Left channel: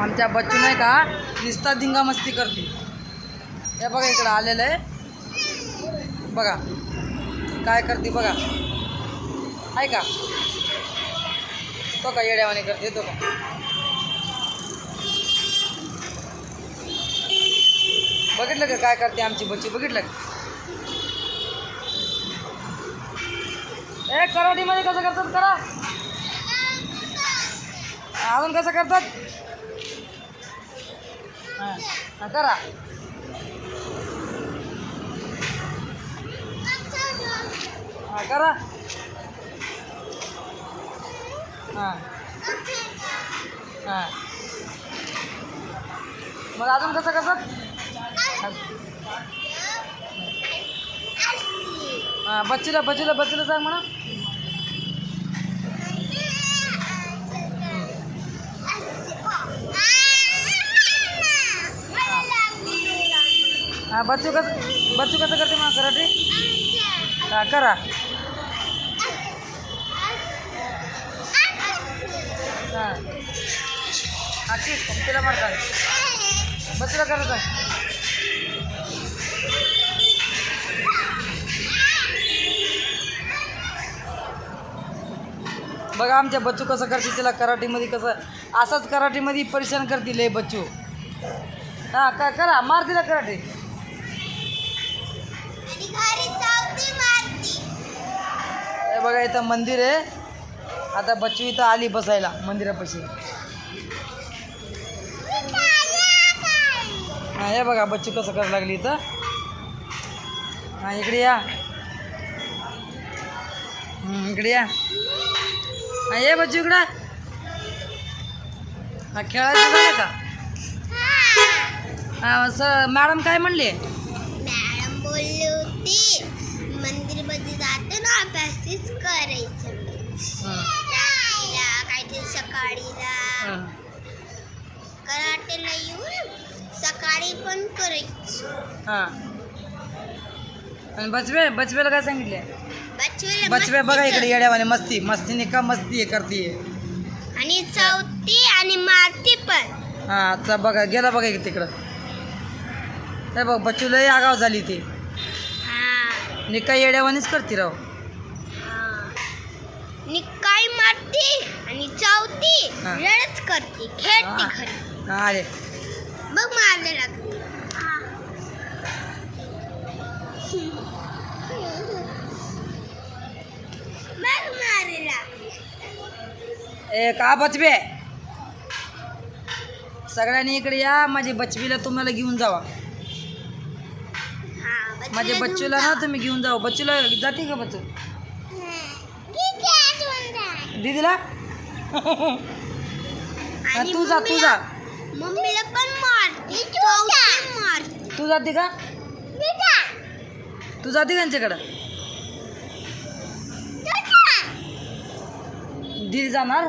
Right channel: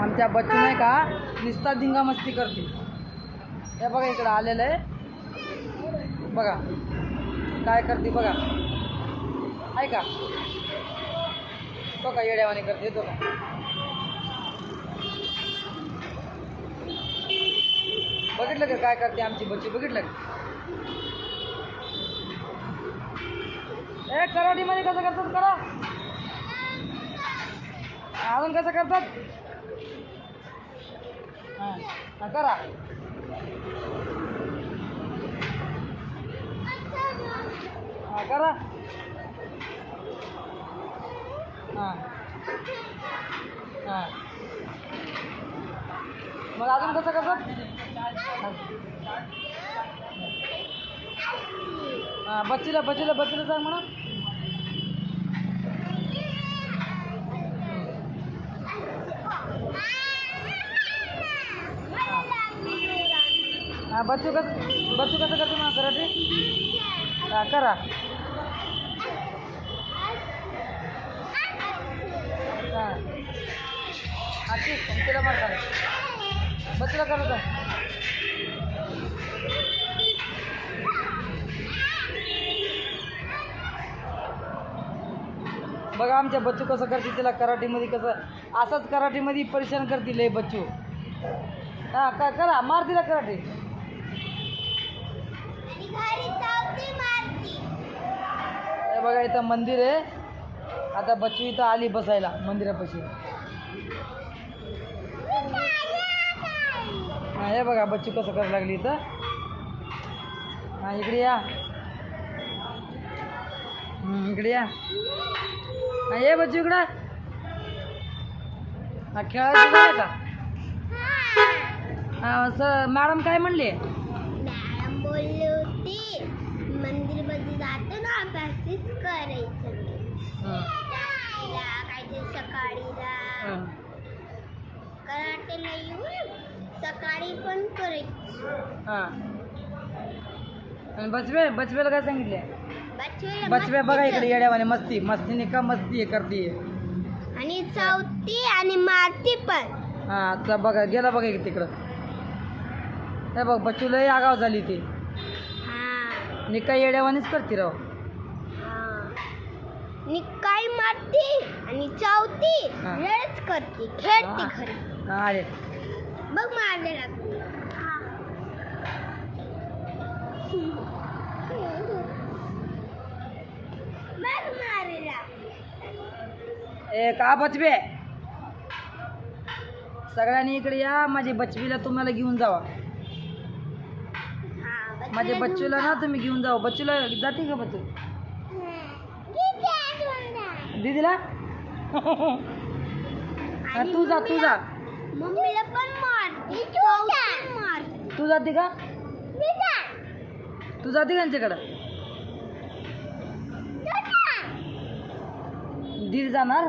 आमच्या बच्चू नाही का निस्ता धिंगा मस्ती करते. हे बघा इकडं आलेलं आहे बघा काय करते बघा. आहे का तो का येड्यावाने करते तो का. बघितलं का काय करते आमची बच्ची बघितलं का. ए कराटीमध्ये कसं करतात करा अजून कसं करतात हां करा. हां करा हां हां मग अजून कसं करतात हां बच्चूला सांग म्हणा. हां बच्चू कसं करते मग कराटे हां करा हां तिला मारता बच्चूला करत बघा आमच्या बच्चू कसं करते तिला कराटीमध्ये कसं असंच कराटीमध्ये परेशान करतील हे बच्चू. हां काय करा मार तिला कराटे. हे बघा इथं मंदिर आहे आता बच्चू इथं आली बसायला मंदिरापाशी. हां हे बघा बच्चू कसं करायला लागली इथं. हां इकडे या इकडे या. हां ये बच्चू इकडं. हां खेळायचं झालं का. हां सर मॅडम काय म्हणले. मॅडम बोलली होती मंदिरमध्ये जातो ना अभ्यासच करायचं. काहीतरी सकाळीला कराटेला येऊन सकाळी पण करायचं. हां आणि बचव्याला काय सांगितले. बचव्या बघा इकडे येड्यावाने मस्तीने का मस्ती हे करते आणि चौथी आणि मारती पण. हां आता बघा गेला बघा इकडे तिकडं. हे बघ बच्चूलाही आगाव झाली ती निका येड्यावानीच करते राव. निकाय मारती आणि चौथी रडच करते खेळते खरी. हां अरे बघ मारले लागते. बघ मारेला ए का बचवे सगळ्यांनी इकडे या. माझी बचवीला तुम्हाला घेऊन जावा. माझ्या बच्चूला ना तुम्ही घेऊन जावा. बच्चूला जाते का बच्चू दीदीला. तू जा मम्मीला पण मारते तू जाते का त्यांच्याकडं. दीदी जाणार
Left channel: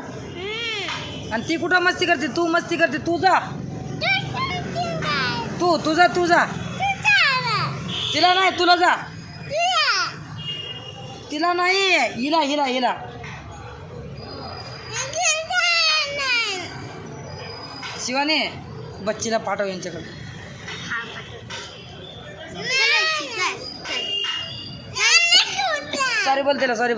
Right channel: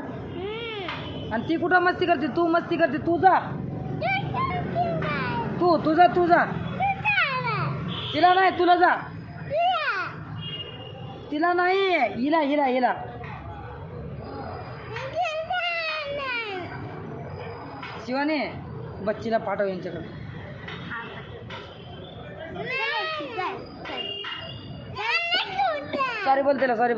आणि ती कुठं मस्ती करते. तू मस्ती करते तू जा. तू जा तिला नाही तुला जा. तिला नाही हिला शिवाने बच्चीला पाठव यांच्याकडे. सॉरी बोल तिला सॉरी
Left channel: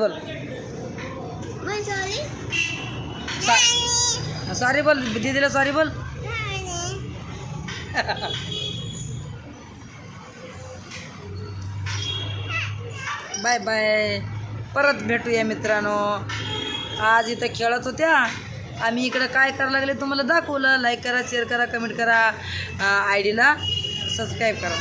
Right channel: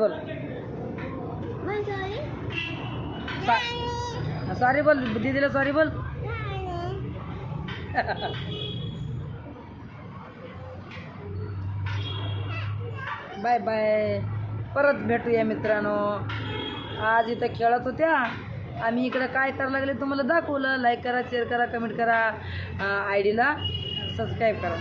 बोल दीदीला सॉरी बोल. बाय बाय परत भेटूया मित्रांनो. आज इथं खेळत होत्या आम्ही इकडं काय करायला लागले तुम्हाला दाखवलं. लाईक करा शेअर करा कमेंट करा आय डीला सबस्क्राईब करा.